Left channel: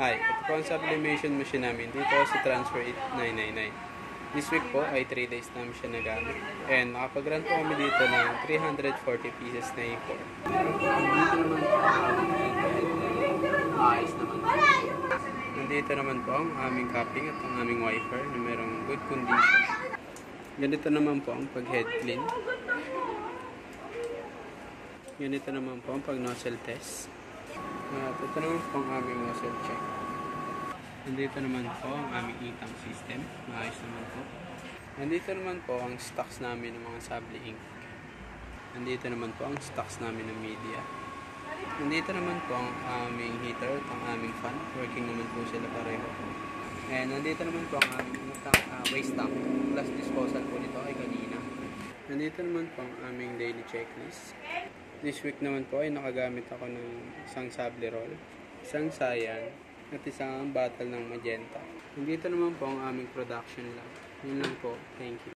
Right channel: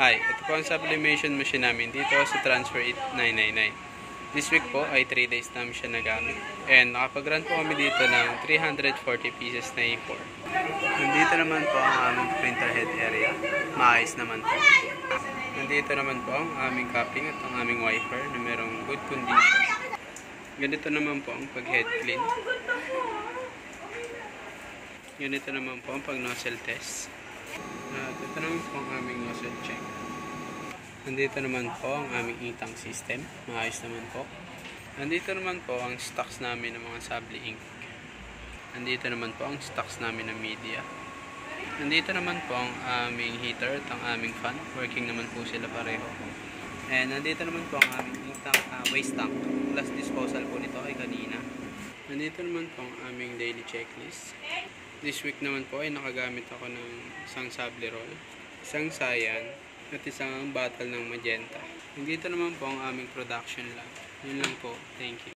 Hi, ito po ang sublimation machine namin dito sa Transfer 8999. This week po ay 3 days namin siya nagamit. And nakapag-run po kami dito ng 340 pieces na A4. Nandito naman po ang aming printer head area. Maayos naman po. Nandito naman po ang aming cupping at ang aming wiper na merong good condition. Ganito naman po ang pag-head clean. Ganito naman po ang pag-nozzle test. At ito naman po ang aming nozzle check. Nandito naman po ang aming e-tank system. Maayos naman po. Nandito naman po ang stocks namin ng mga Sabli ink. Nandito naman po ang stocks namin ng media. Nandito naman po ang aming heater at ang aming fan. Working naman po sila pareho. And nandito naman po ang aming e-tank, waste tank. Last disposal po nito ay kanina. Nandito naman po ang aming daily checklist. This week naman po ay nakagamit ako ng isang Sabli roll, isang Cyan, at isang bottle ng magenta. Nandito naman po ang aming production lab. Yun lang po. Thank you.